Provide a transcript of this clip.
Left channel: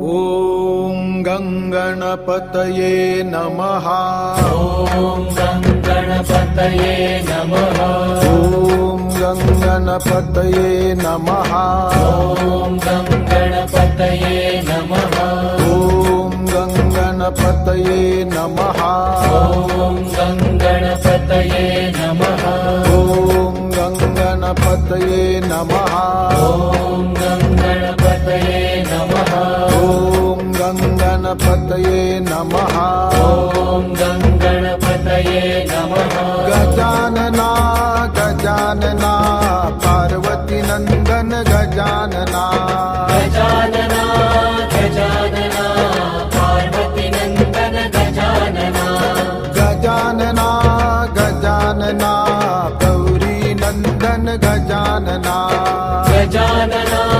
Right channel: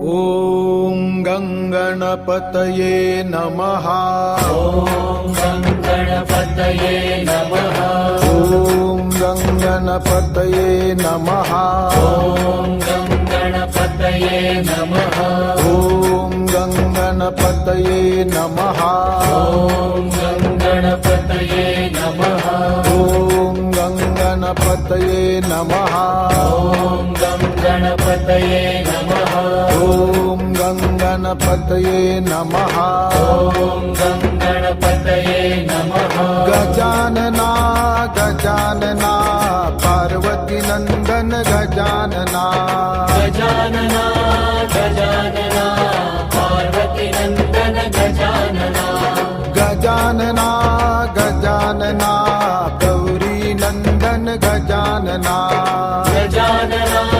ॐ गङ्गणपतये नमः। ॐ गणपतये नमः। ॐ गङ्गणपतये नमः। ॐ गणपतये नमः। ॐ गङ्गणपतये नमः। ॐ गणपतये नमः। ॐ गङ्गणपतये नमः। ॐ गणपतये नमः। ॐ गङ्गणपतये नमः। ॐ गणपतये नमः। गजानना गजानना पार्वती नंदन गजानना। गजानना गजानना पार्वती नंदन गजानना। गजानना गजानना गौरी नंदन गजानना। गजानना